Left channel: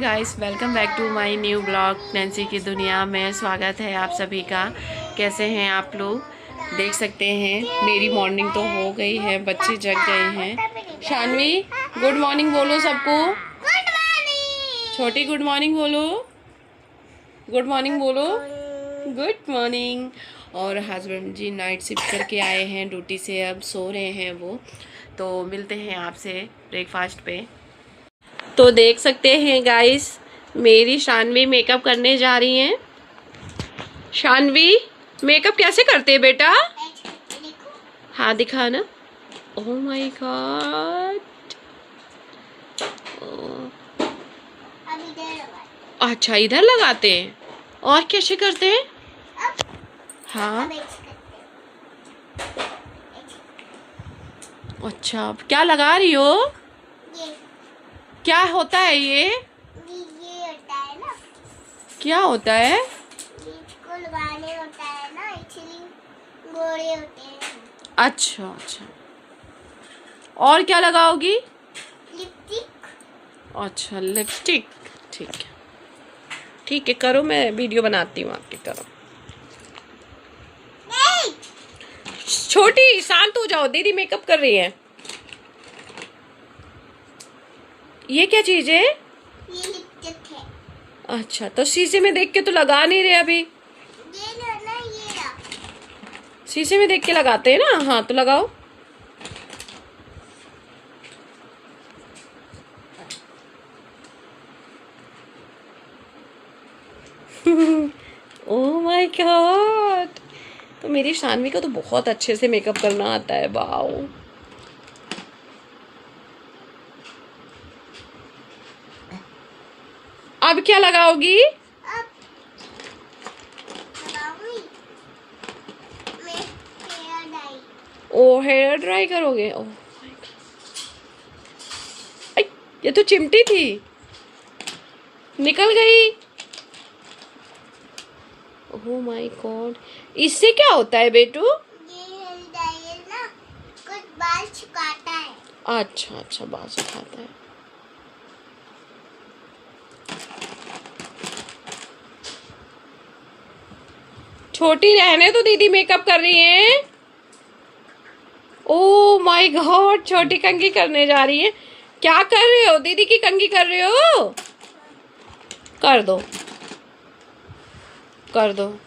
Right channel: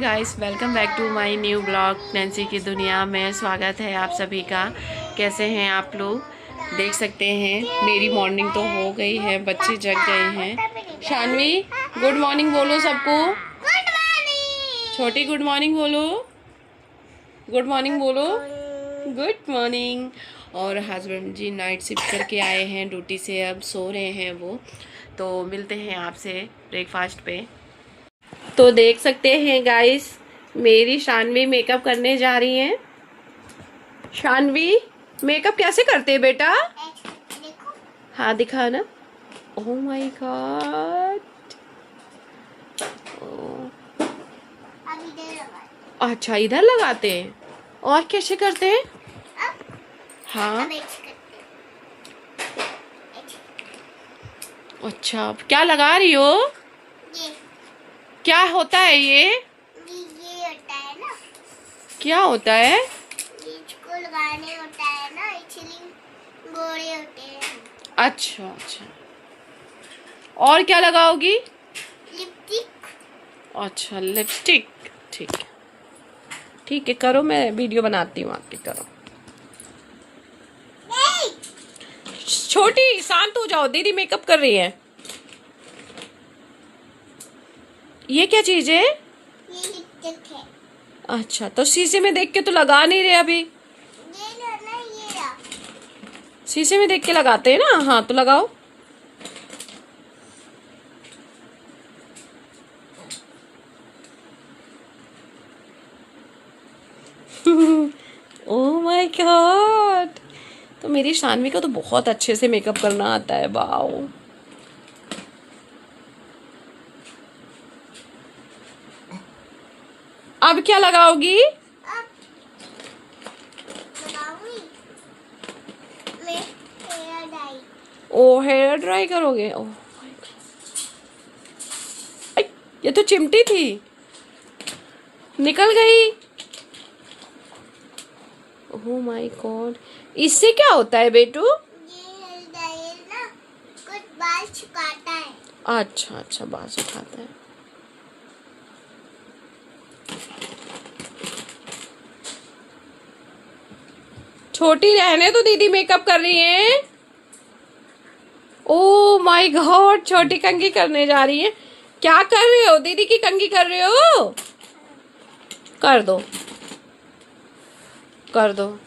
Guys, welcome back to my new blog Nancy की दुनिया में। स्वागत है आप सभी का। कैसे हैं आप लोग? देख सकते हैं मेरी मॉर्निंग तो हो गई है, बच्चे जग गए हैं। शानवी गुड मॉर्निंग बोलो सबको। Good morning. छोटी गुड मॉर्निंग बोलो। गुड मॉर्निंग बोलो। Good morning. और हस्बैंड जी नाइट शिफ्ट करके आए हैं ड्यूटी से, अब सो रहे हैं वो। तो मिलते हैं आपसे ब्रेकफास्ट पे। तो देख सकते हैं गाइस, मेरी शानवी मेकअप करने जा रही हैं। शानवी मेकअप कैसे करते हैं बेटा? देखो हाँ दिखा ना। Oh my God. अब इधर लगा। अच्छा इधर लगाते हैं। और कैसे करते हैं? अब हाँ अब ऐसे करते हैं। अच्छा, क्या लगा रही हो? ये क्या होता है ये? ये होता है ना, क्या होता है? ये इसको लगाने होता है ना, इसलिए गोरे होते हैं। अच्छा अच्छा। और क्या लगाओगी? लिपस्टिक। अच्छा लिपस्टिक। ठीक है ठीक है, करो, मैं वीडियो बनाती हूँ आपकी। करो। नहीं, छोटी शांत हो जाओ, दीदी मेकअप कर रही है। ये क्या चीज है? ये लिपस्टिक है। अच्छा, तो शीशे में देख के तो लगा नहीं रहे अभी। ये लो ना, ये रहा। शीशे में देख के लगाते हैं ना। हाँ तो लगाओ। Oh my God. तो मेरी शानवी को तो बहुत अच्छे से मेकअप करना आता है। वाओ। अब क्या लगाओगी? अब लगाऊंगी मैं हेयर डाई। ओ हेयर ड्राई करोगे? Oh my God. ये तो चिमटी थी, निकल गई। Oh my God. इससे क्या होता है बेटू? ये हेयर डाई है ना, कुछ बाल सुखाता है। अच्छा अच्छा, बाल सुखाता है। छोटी रहने तो दीदी मेकअप कर रही है। ओ माय गॉड, छोटी कंघी करने जा रही है। क्या कर रहे हो? दीदी की कंघी कर रहे हो? कर दो कर दो।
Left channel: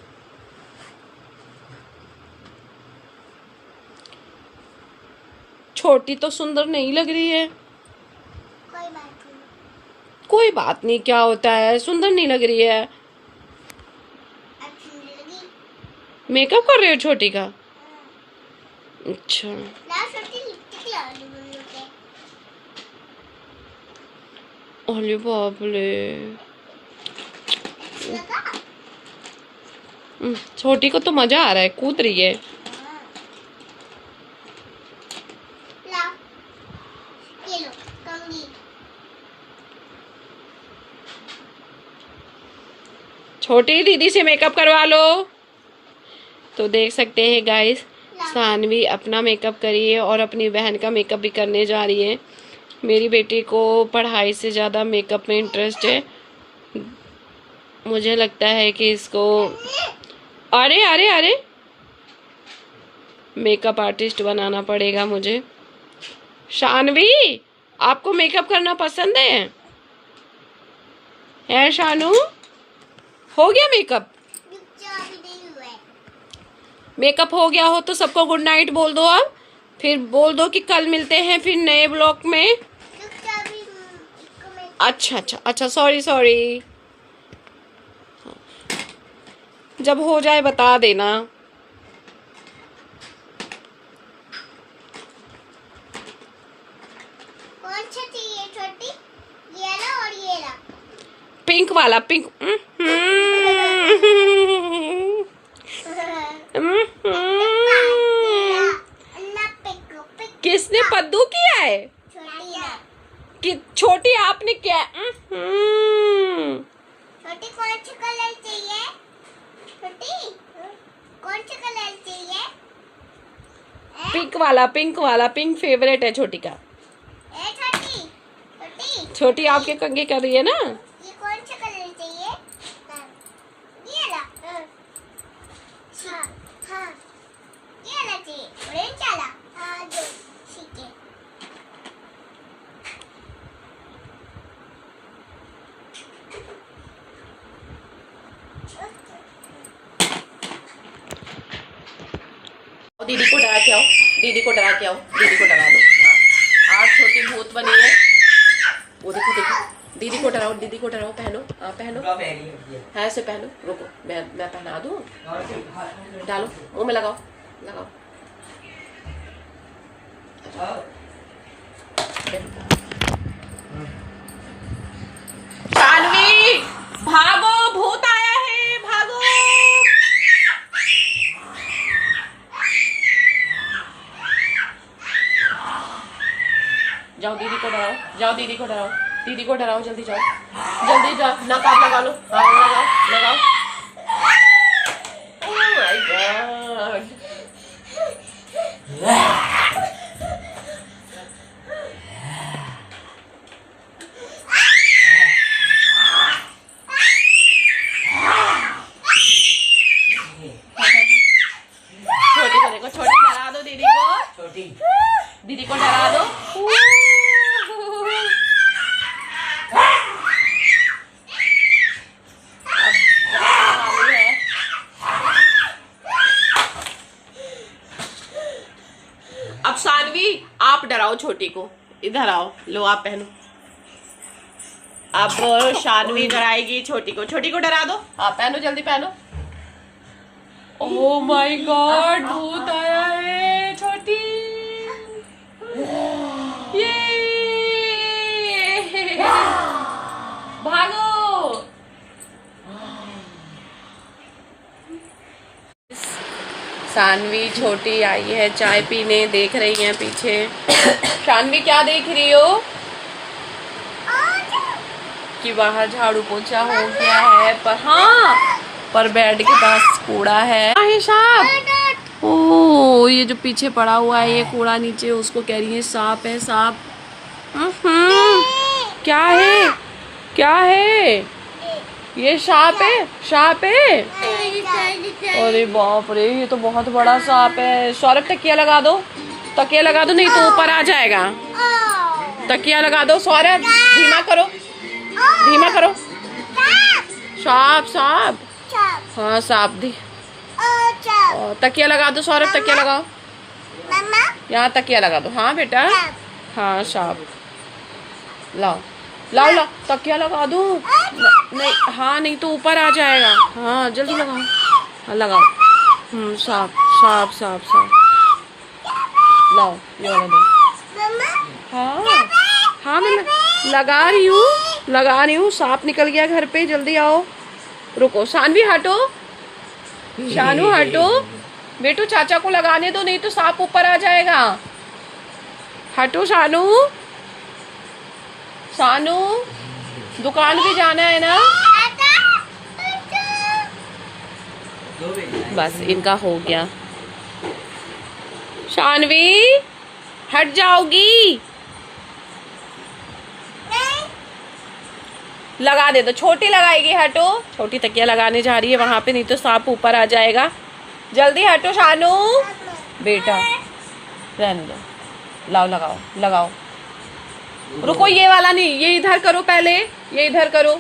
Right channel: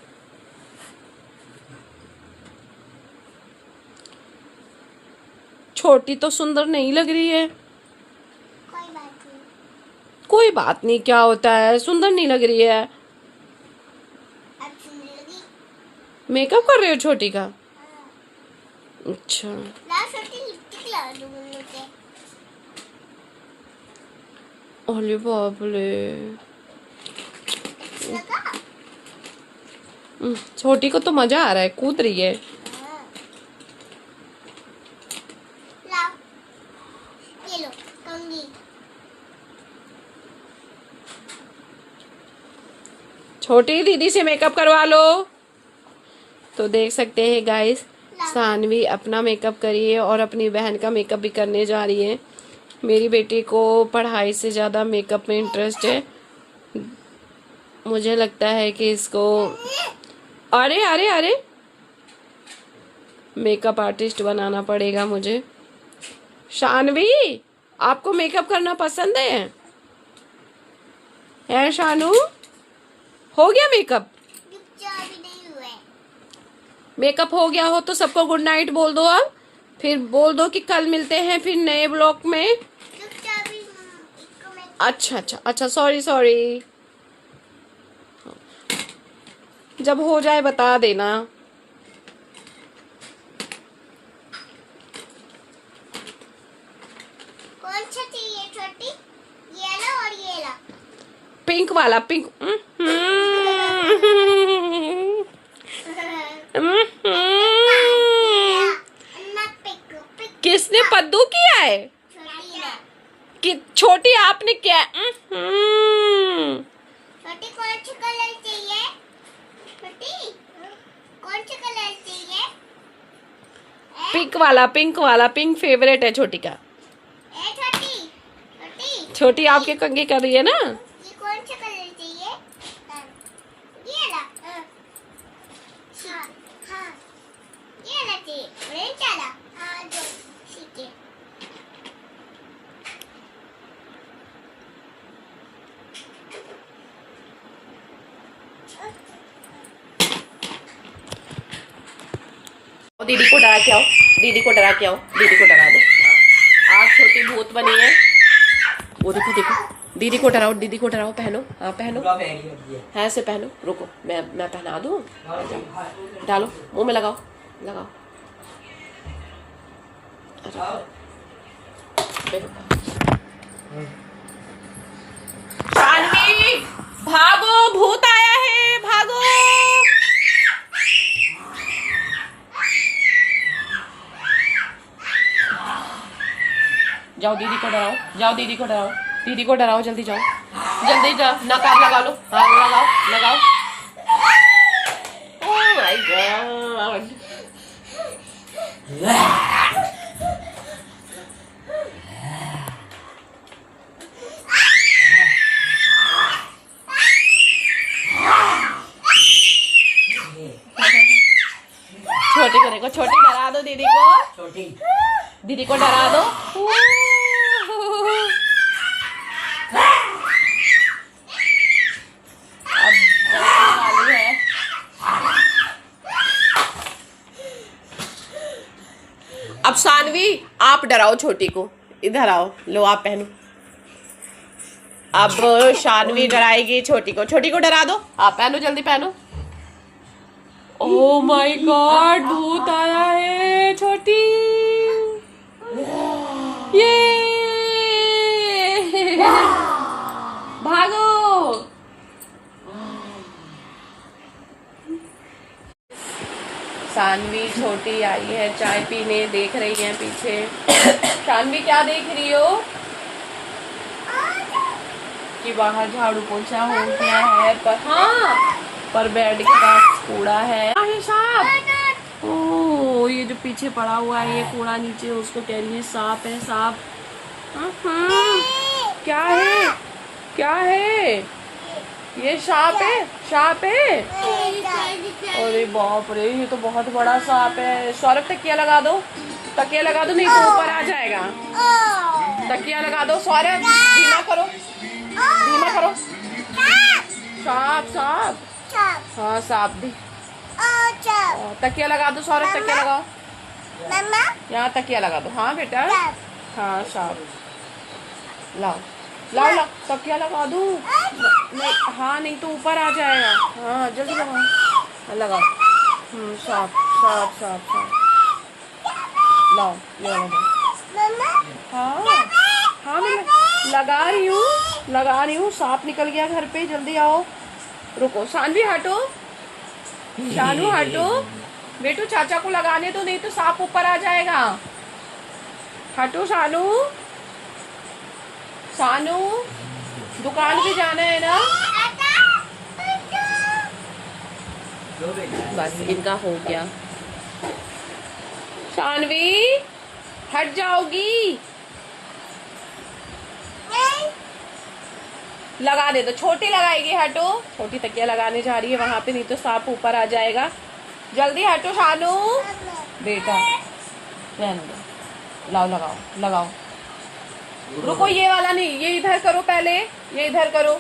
छोटी तो सुंदर नहीं लग रही है। कोई बात नहीं। कोई बात नहीं, क्या होता है, सुंदर नहीं लग रही है। अच्छी लगी। मेकअप कर रहे हो छोटी का? अच्छा। ला छोटी लिपस्टिक लगा दूँ मुझे पे। अरे बाप रे। लगा। छोटी को तो मजा आ रहा है, कूद रही है। ला, ये लो कंघी। छोटी दीदी से मेकअप करवा लो। तो देख सकते हैं गाइस, सानवी अपना मेकअप करी है और अपनी बहन का मेकअप भी करने जा रही है। मेरी बेटी को पढ़ाई से ज़्यादा मेकअप में इंटरेस्ट है। मुझे लगता है कि इसको अरे अरे अरे मेकअप आर्टिस्ट बनाना पड़ेगा मुझे। शानवी, आपको मेकअप करना पसंद है शानू? हो गया मेकअप? अभी नहीं हुए। मेकअप हो गया हो तो सबको गुड नाइट बोल दो। अब फिर बोल दो कि कल मिलते हैं फिर नए ब्लॉग में। अभी इसको मैं अच्छा अच्छा अच्छा, सॉरी सॉरी। जब हो जाए बता देना। कौन सा चाहिए छोटी? ये ला और ये ला। पिंक वाला, पिंक। अन्ना पिक पिक। किसने पद्दू किया है? छोटी ना। कि छोटी आपने क्या? छोटी कौन सा कलर चाहिए? छोटी कौन सा कलर चाहिए? पिंक वाला, पिंक वाला, पिंक फेवरेट है छोटी का। ए छोटी छोटी छोटी आपके कंघी कर रही है ना। ये दीदी को डरा के आओ, दीदी को डरा के आओ, दीदी को डरा दो। आज छोटी भूत बनी है। वो देखो देखो, दीदी को डराओ, दीदी को डराओ। पहनो, हाँ पहनो, हाँ ऐसे पहनो। रुको मैं पहना दूँ। डालो मुंह में, लगाओ लगाओ। शानवी भागो, भूत आया है, भागो। जाओ दीदी को डराओ, जाओ दीदी को डराओ, दीदी को डराओ, जल्दी जाओ, जल्दी जाओ। नकाब लगा लो, लगाओ लगाओ। Oh my God. छोटी को देखो, छोटी डरा दो दीदी को, छोटी दीदी को डरा दो। अब शानवी आप डराओ छोटी को, इधर आओ, लो आप पहनो। अब शानवी डराएगी छोटी को, छोटी को डरा दो। आप पहनो, जल्दी पहनो। ओह माय गॉड, भूत आया है छोटी। ये भागो। शानवी छोटी आई है चाय पीने, देख रही है पीछे। शानवी क्या देख रही हो? कि बाहर झाड़ू पोछा हो गया है, पर हाँ पर बेड के पास कूड़ा है। सांप, ओह ये जो पीछे पड़ा हुआ है ये कूड़ा नीचे, उसको कह रही है सांप है, सांप। क्या है, क्या है? ये सांप है, सांप है। अरे बाप रे, ये तो बहुत बड़ा सांप है। सौरभ तकिया लगा दो, तकिया लगा दो, नहीं तो ऊपर आ जाएगा। तकिया लगा दो सौरभ, धीमा करो, धीमा करो। सांप, सांप, हाँ सांप दी। तकिया लगा दो सौरभ, तकिया लगाओ, यहाँ तकिया लगा दो। हाँ बेटा, हाँ सांप लाओ लाओ लाओ, तकिया लगा दो। नहीं, हाँ नहीं तो ऊपर आ जाएगा। हाँ जल्दी लगाओ, हाँ लगाओ। सांप सांप सांप सांप, लाओ ये वाला दो। हाँ हाँ मैं लगा रही हूँ, लगा रही हूँ। सांप निकल गया घर पे, जल्दी आओ। रुको शानवी हटो, शानू हटो बेटू, चाचा को लगाने दो, नहीं तो सांप ऊपर आ जाएगा। हटो शानू, शानू दुकान पे जाना है ना। बस इनका हो गया। शानवी हट जाओगी, लगा दे दो। छोटी लगाएगी, हटो। छोटी तकिया लगाने जा रही है वहां पे, नहीं तो सांप ऊपर आ जाएगा। जल्दी हटो शानू बेटा, रहने दो। लाओ लगाओ लगाओ। रुको ये वाला नहीं, ये इधर करो पहले, ये इधर करो।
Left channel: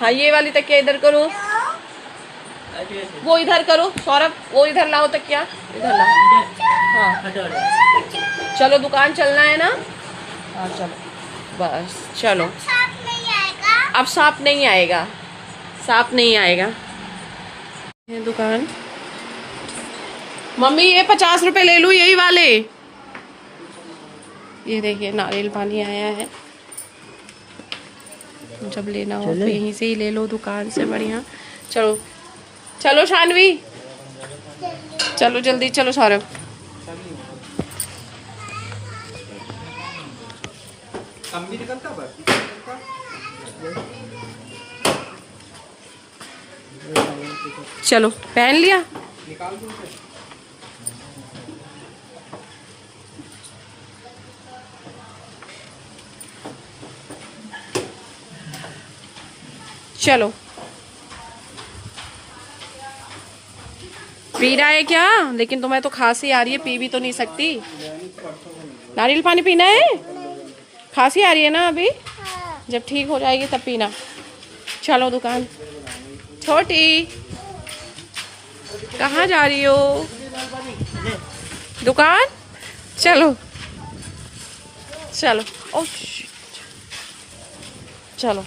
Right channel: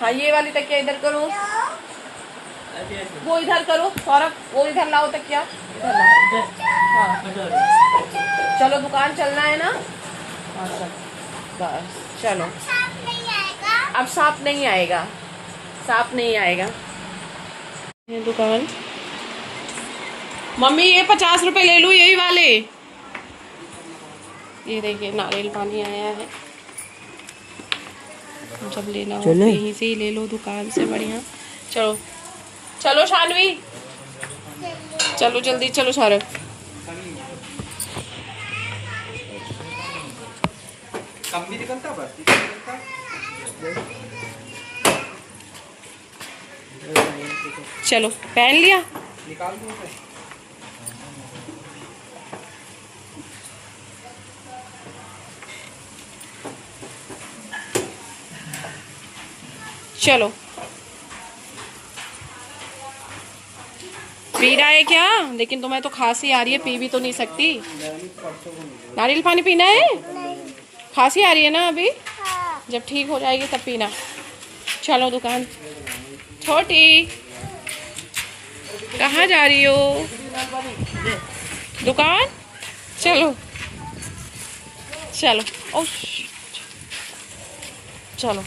हाँ ये वाली तकिया इधर करो, वो इधर करो सौरभ, वो इधर लाओ तकिया, इधर लाओ। हाँ चलो दुकान चलना है ना। हाँ चलो बस चलो। अब सांप नहीं आएगा, सांप नहीं आएगा। ये दुकान, मम्मी ये 50 रुपए ले लूं, यही वाले। ये देखिए नारियल पानी आया है, जब लेना हो तो यहीं से ही ले लो, दुकान से बढ़िया। चलो चलो शानवी, चलो जल्दी चलो सौरभ। चलो पहन लिया। चलो पी रहा है क्या? लेकिन तुम्हें तो खांसी आ रही है, पी भी तो नहीं सकती। नारियल पानी पीना है? खांसी आ रही है ना अभी, जब ठीक हो जाएगी तब पीना। चलो दुकान। छोटी कहाँ जा रही हो? दुकान, चलो चलो। ओ चलो,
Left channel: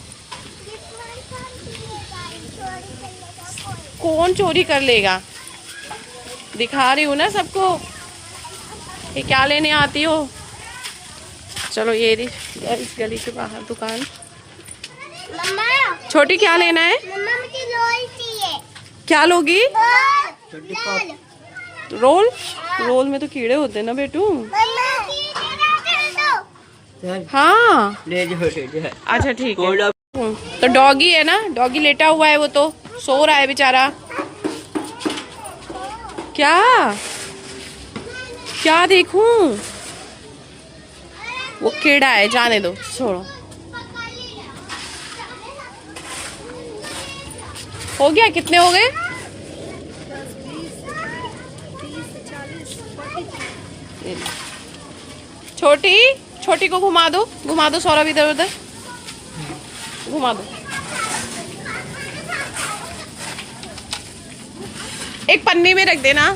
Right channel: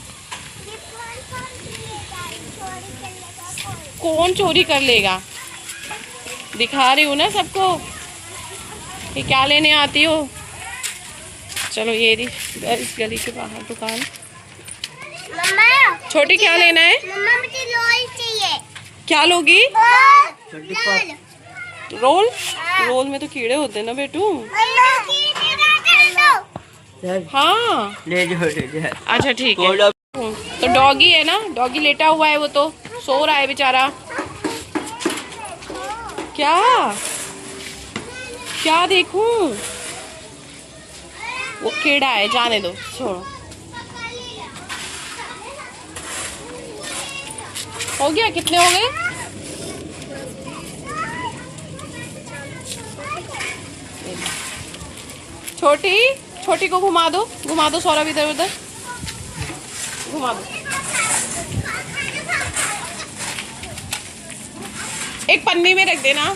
कौन चोरी कर लेगा? दिखा रही हूँ ना सबको कि क्या लेने आती हो। चलो ये रही इस गली के बाहर दुकान। मम्मा, छोटी क्या लेना है? मम्मा मुझे रोल चाहिए। क्या लोगी? रोल। रोल? रोल में तो कीड़े होते हैं ना बेटू। हाँ ले जाओ ले जाओ। अच्छा ठीक है। तो डॉगी है ना, डॉगी लेटा हुआ है, वो तो सो रहा है बेचारा। क्या क्या देखूं? वो कीड़ा है, जाने दो, छोड़ो। हो गया? कितने हो गए? छोटी, छोटी को घुमा दो सौरभ, इधर उधर घुमा दो। एक पन्नी में रख देना।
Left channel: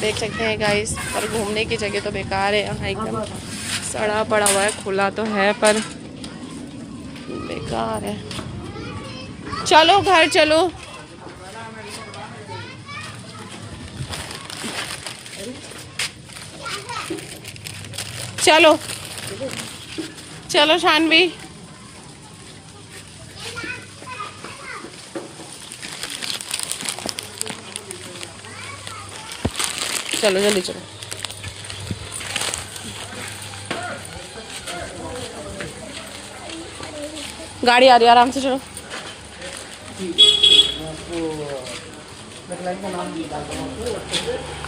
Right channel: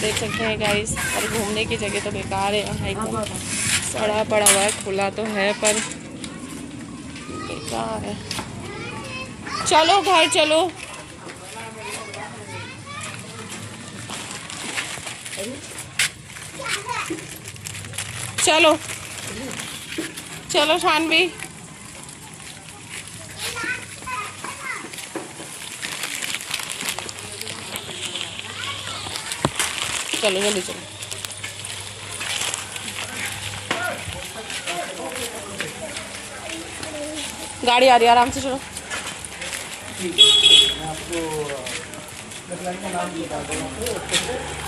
देख सकते हैं गाइस, पर घूमने की जगह तो बेकार है यहाँ, एकदम सड़ा पड़ा हुआ है। खुला तो है पर बेकार है। चलो घर चलो। चलो चलो शानवी। चलो जल्दी चलो। गाड़ी आ रही है, आराम से चलो।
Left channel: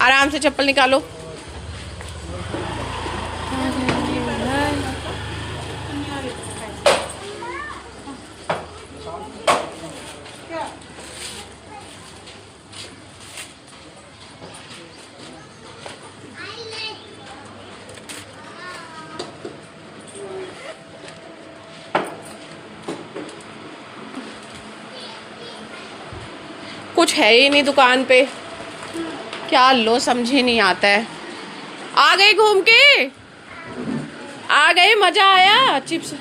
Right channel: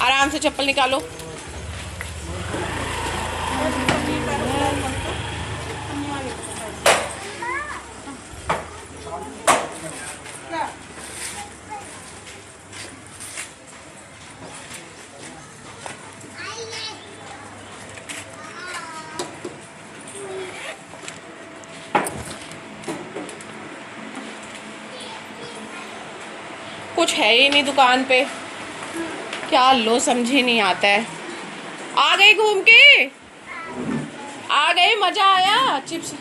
आराम से चप्पल निकालो। कुछ है ही नहीं दुकान पे, क्या लो समझे नहीं आता है। आ गए घूम के, आ गए, मजा आया। चिप्स,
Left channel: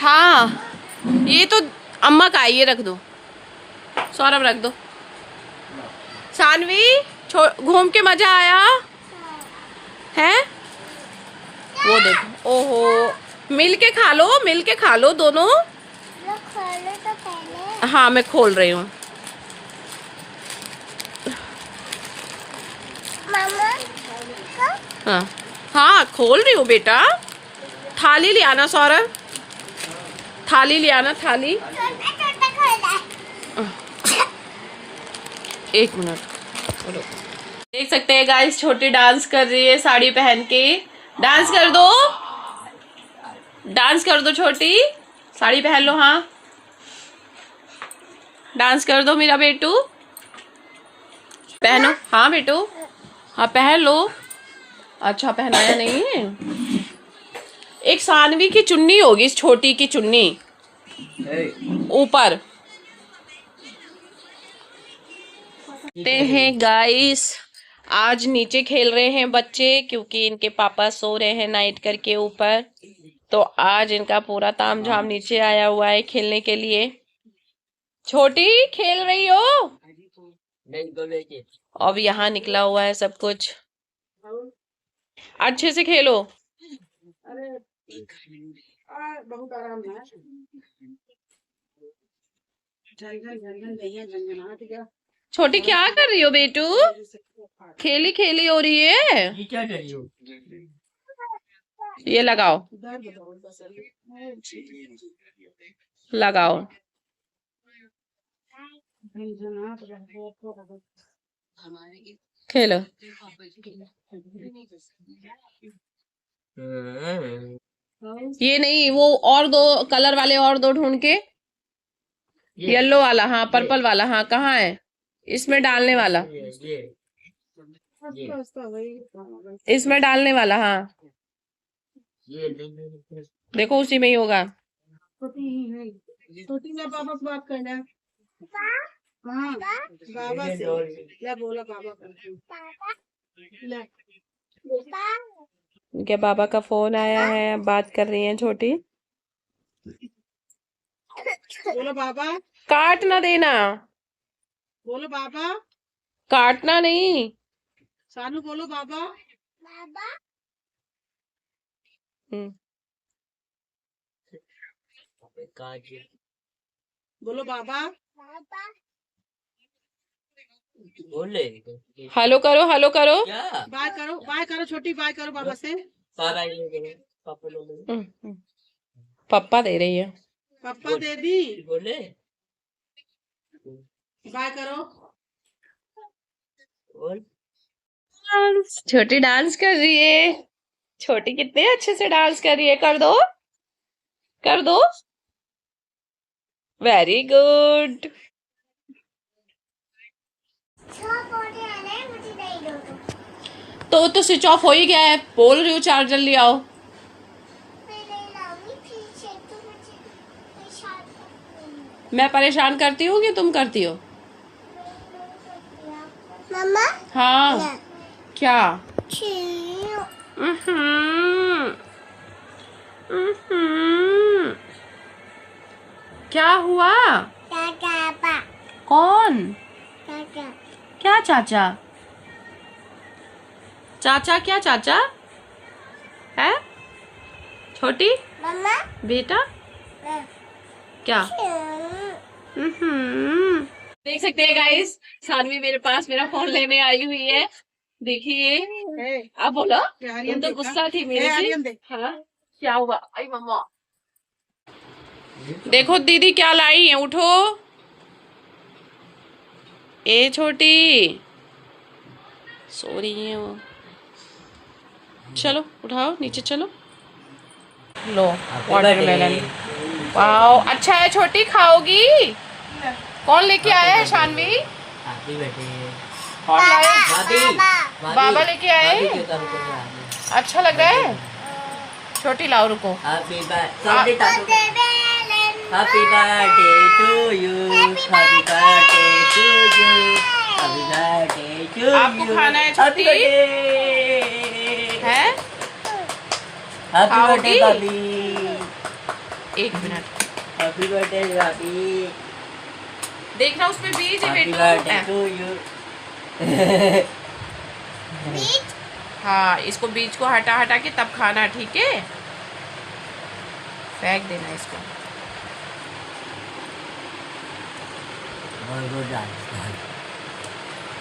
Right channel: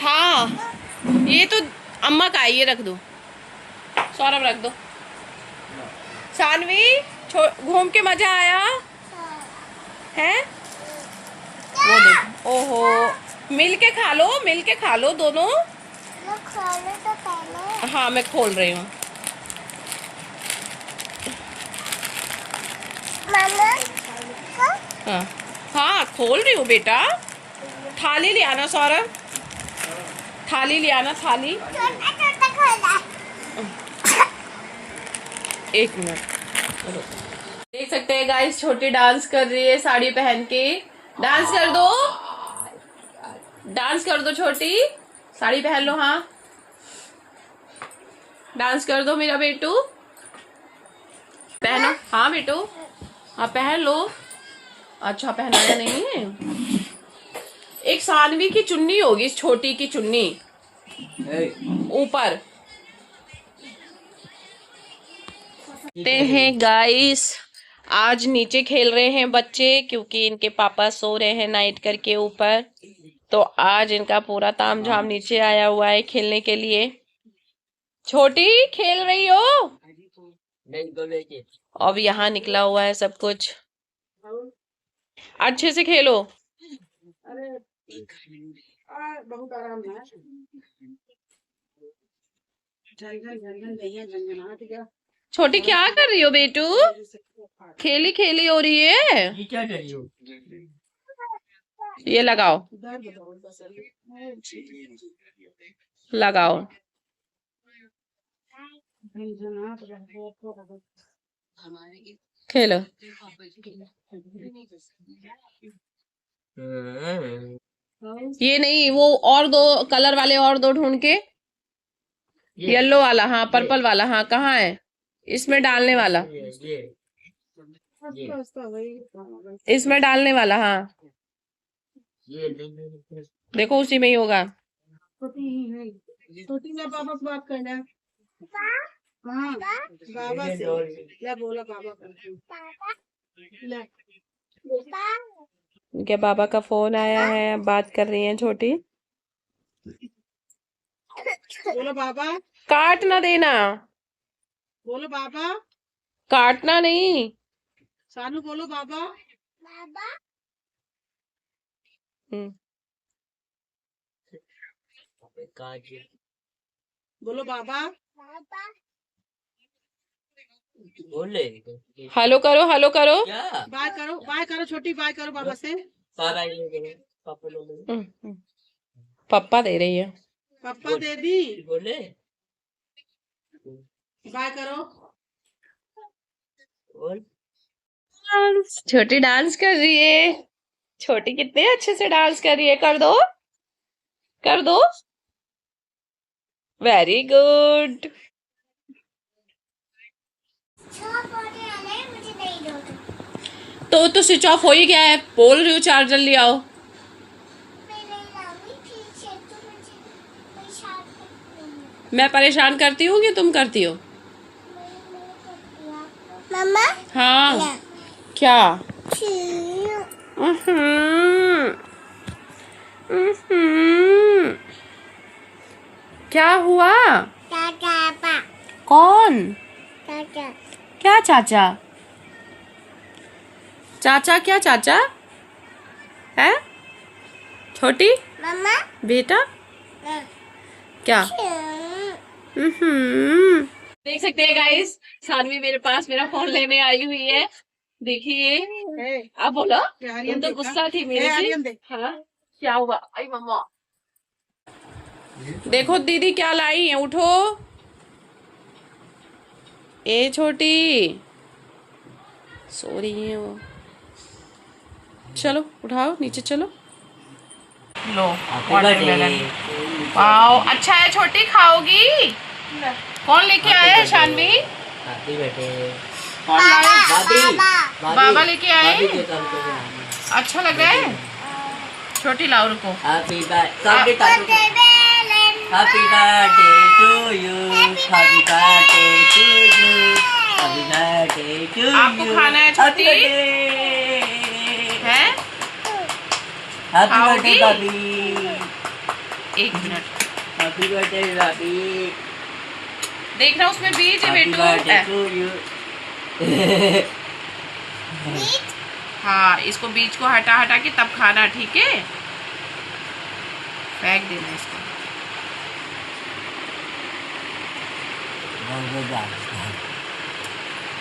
हाँ ये तो अम्मा का, ये रख दो सौरभ, रख दो। सानवी घूम के मजा आया है? वो देखो, ओहो, मिल के खा लो दोनों। मैं खोलूं तो पहले। हाँ मैं खोल रही हूँ। मामा को हाँ हाँ खोल रही हूँ बेटा। थाली ले आना सौरभ, थाली ले आना, थाली। छोटा छोटा खोला। एक मिनट, चलो। देख सकते हैं गाइस, छोटी डांस कर रही है साड़ी पहन के। डांस कर दो, डांस कर दो छोटी, साड़ी पहन लो। हाँ डांस कर दो मेरा बेटू, पहनो। हाँ बेटू, हाँ पहन लो। अच्छा पहनाया नहीं है। एक सानवी की चुन्नी होगी, इस छोटी की चुन्नी ऊपर। ते हैं गाइस, आज नीचे खेल रहे हैं बच्चे क्योंकि इनके पापा सो रहे हैं नाइट करके ऊपर। तो आज इनका पूरा तामझाम नीचे आया हुआ है खेलने के लिए। छोटी खेल रही हो? अब यहाँ निकला हुआ है सब कुछ, अच्छे से खेलो। बहुत आराम है। छोटी क्या कर रही हो बेटू? खेली खेली हो रही है। क्या कर रही हो? ये लगाओ, लगाओ। खेलो। ये नहीं, वो और दो कलर वाले और दो ढूंढ के। येलो वाला, हाँ पर्पल वाला, हाँ कहाँ है? इसमें डालने वाला, इसमें डालने वाला, हाँ देखो उसी में ही होगा। छोटी में पापा से बात करना। हाँ बाबा से ले बोला बाबा करती हूँ। पापा ले पापा क्या बाबा का फोन आया है, अब बात कर रही हैं छोटी। बोलो बाबा, काट ना देना, बोलो बाबा, काटना नहीं। सानू बोलो बाबा। बाबा हम्म, बोलो बाबा, पापा बोले हेलो करो, हेलो करो। क्या बाय करो छोटी, बाय करो बाबा से। सारा ये करो पापा लोग पप्पा दे रही है। पापा दे दी, बोले बाय करो। बोल छोटी डांस कर रही है, छोटी कितने अच्छे से डांस कर रही है। कर दो, कर दो, वेरी गुड। छह पौधे आने हैं, मुझे दे दो तो स्विच ऑफ हो ही गया है, बोल रही हूँ चार्जर ले आओ। मेरे लामी पीछे तो मुझे परेशान करती है। मैं परेशान करती हूँ कि तुम करती हो? मम्मा हाँ क्या? छीनो क्या हुआ? पापा कौन? चाचा क्या चाचा? चाचा क्या चाचा है? छोटी मम्मा बेटा क्या? देख सकते हैं गाइस, सानवी मेरे पास मेरा फोन लेने आई हुई है। देखिए, अब बोलो, तुम तो गुस्सा थी मेरे से। हाँ क्या हुआ? आई मम्मा, देखो दीदी क्या लाई है, उठो। ए छोटी, सो रही है वो। चलो उठाओ, नीचे चलो। लो वाटरमेलन, वाओ अच्छा है। छोटी खाओगी? कौन लेके आया है? शानवी हाथी बैठे बाबा लेके आए। अच्छा लग रहा है? छोटी लाओ, रुको। Happy birthday to you, happy birthday to you, happy birthday to you. आपको खाना है छोटी? है? हैप्पी आओगी? बर्थडे भाभी, 1 मिनट हैप्पी बर्थडे भाभी, देखना, उसमें बीज है हैप्पी बेटू। Birthday to you. हाँ, इसको बीज को हटा हटा के तब खाना, ठीक है? फेंक देना इसको।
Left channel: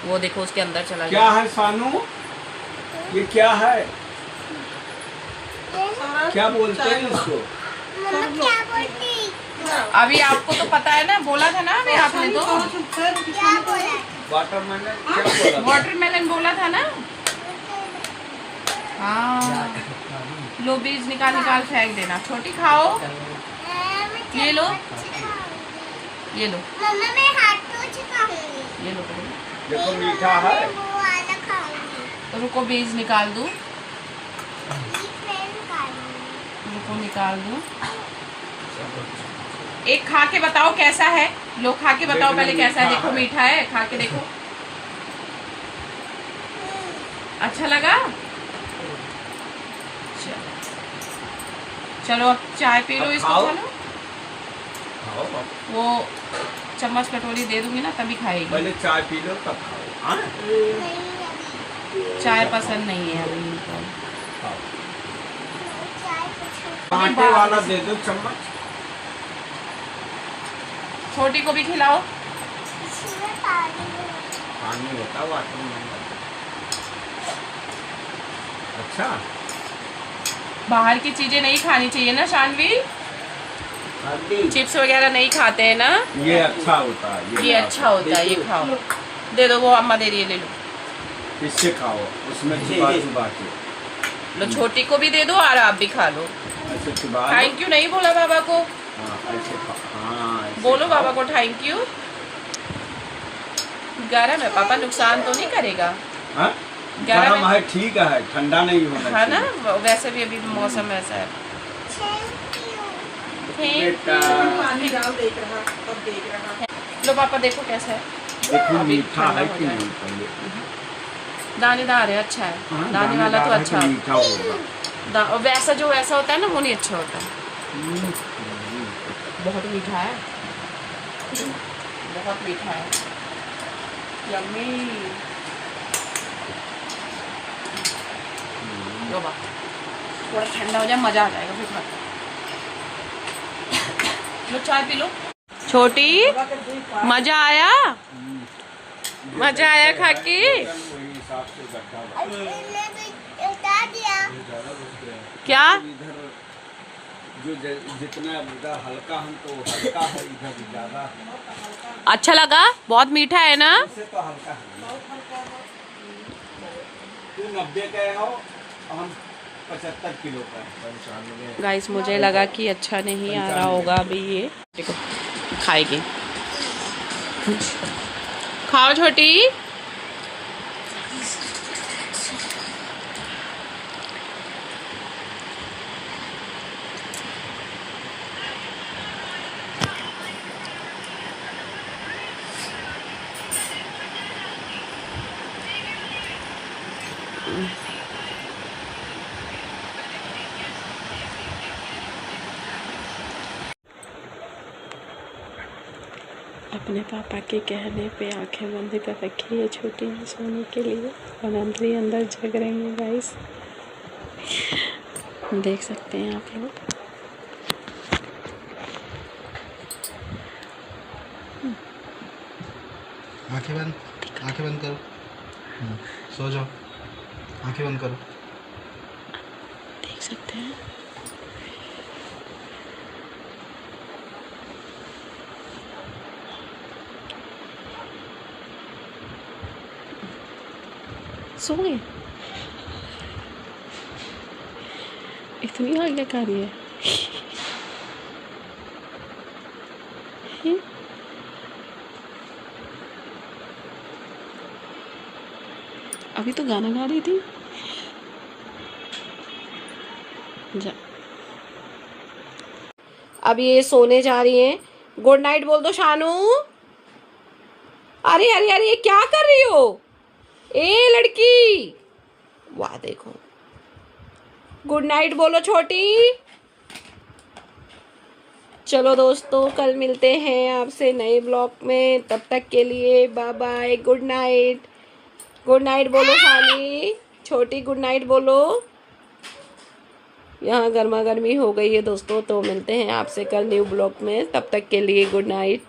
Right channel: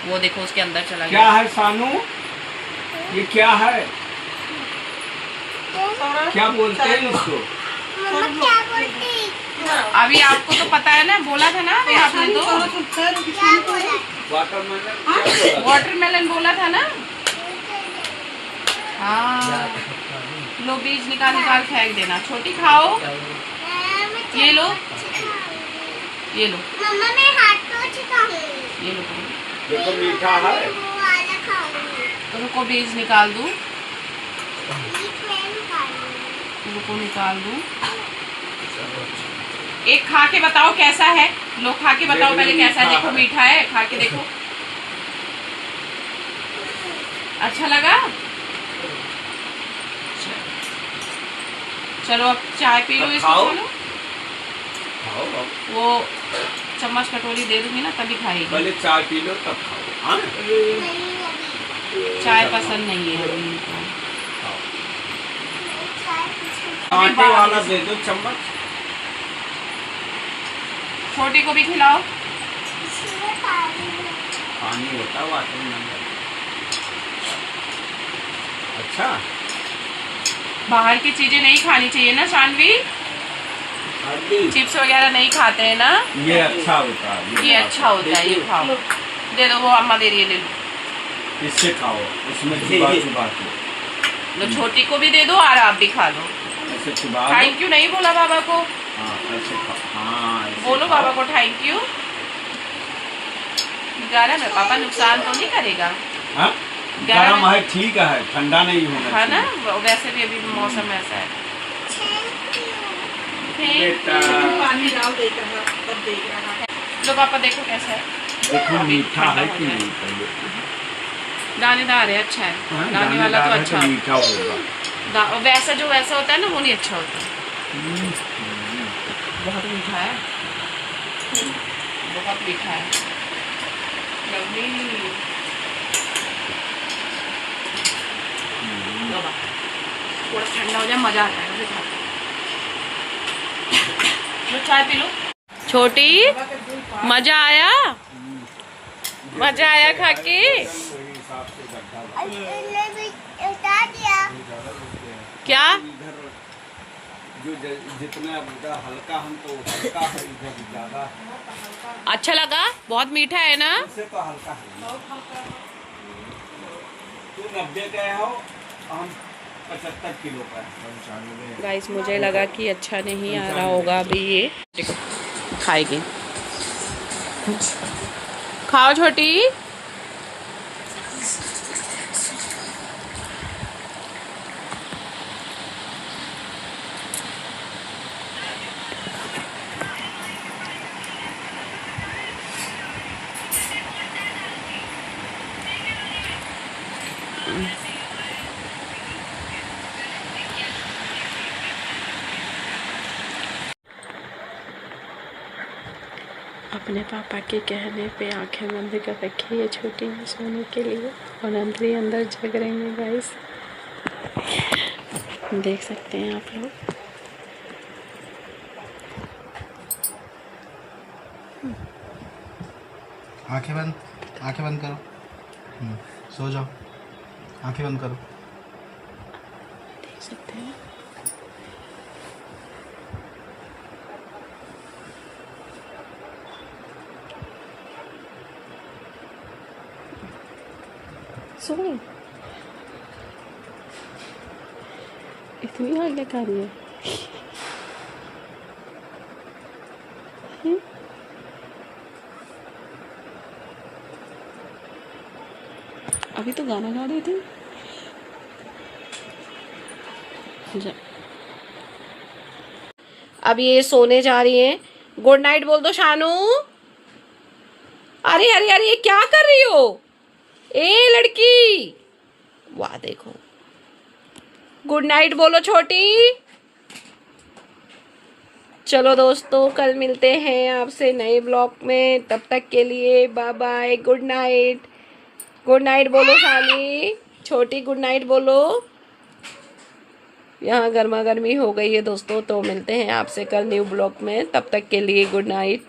वो देखो उसके अंदर चला क्या गया। है सानू? ये क्या है? क्या बोलते हैं इसको? मम्मा क्या बोलती? अभी आपको तो पता है ना, बोला था ना अभी आपने तो। क्या बोला? वाटरमेलन क्या बोला? वाटरमेलन बोला था ना। हाँ, लो बीज निकाल निकाल फेंक देना। छोटी खाओ, ये लो, ये लो, मम्मा मेरे हाथ को चिपका ये लो। देखो मीठा है। वो वाला खाऊंगी। तो रुको बीज निकाल दूँ, बीच में निकालूंगी। रुको निकाल दूँ। एक खा के बताओ कैसा है। लो खा के बताओ पहले कैसा है। देखो मीठा है, खा के देखो। अच्छा लगा? चलो अब चाय पी लो इसको। खाओ। चलो खाओ बाबा। वो चम्मच कटोरी दे दूंगी ना, तभी खाएगी। पहले चाय पी लो तब खाओ। हाँ चाय पसंद नहीं है अभी इनको। खाओ। कांटे वाला दे दो चम्मच। छोटी को भी खिलाओ। पानी होता वाटरमेलन। अच्छा, बाहर की चीजें नहीं खानी चाहिए ना शानवी। हल्दी चिप्स वगैरह नहीं खाते हैं ना। ये अच्छा होता है। ये अच्छा होता है, ये खाओ। दे दो, वो अम्मा दे रही है, ले लो। इससे खाओ, उसमें चुबा चुबा के। लो छोटी को भी दे दो और आप भी खा लो। ऐसे चुबा लो। थैंक यू नहीं बोला बाबा को? हाँ ऐसे खाओ। हाँ ऐसे बोलो खाओ। बाबा को थैंक यू। गरम है पापा, नुकसान तो नहीं करेगा? हाँ? गरम गरम है, ठीक है, ठंडा नहीं होगा। है ना? वैसे भी अभी मौसम ऐसा है। थैंक बेटा। यू। पानी डाल देख रहा, तब देख रहा। लो पापा देखो कैसा है। देखो मीठा ठंडा है हो कि गया है। नहीं पहले। दानेदार है, अच्छा है। हाँ, दाने वाला दानेदार तो है अच्छा तो मीठा होगा। और वैसा जो ऐसा होता है ना वो नहीं अच्छा होता। बहुत मीठा है, बहुत मीठा है। यम्मी। लो बाबा, थोड़ा ठंडा हो जाए मजा आ जाएगा फिर खाते। लो चाय पी लो। छोटी, मजा आया? मजा आया खा के? वही हिसाब से गड्ढा इसने भी उतार दिया। क्या? इधर जो जितना इधर हल्का हमको हल्का है, इधर ज्यादा अच्छा लगा? बहुत मीठा है ना? इससे तो हल्का है। तू 90 का हो, हम 75 किलो का। गाइस मुझे लगा कि अच्छा नहीं आ रहा होगा अभी ये। देखो खाएगी, खाओ छोटी। अपने पापा के कहने पे आंखें बंद कर रखी है छोटी ने सोने के लिए, और अंदर अंदर जग रहे हैं गाइस, देख सकते हैं आप लोग। आंखें बंद करो। सो जाओ, आंखें बंद करो। देख सकते हैं सो गए। इतनी आज्ञाकारी है। अभी तो गाना गा रही थी। जा, अब ये सोने जा रही हैं। गुड नाइट बोल दो शानू। अरे अरे अरे ये क्या कर रही हो ए लड़की? वाह देखो, गुड नाइट बोलो छोटी। चलो दोस्तों, कल मिलते हैं आपसे नए ब्लॉग में, तब तक के लिए bye bye, good night. Good night बोलो शानी। छोटी गुड नाइट बोलो। यहाँ गर्मा गर्मी हो गई है दोस्तों, तो मिलते हैं आपसे कल न्यू ब्लॉग में, तब तक के लिए गुड नाइट।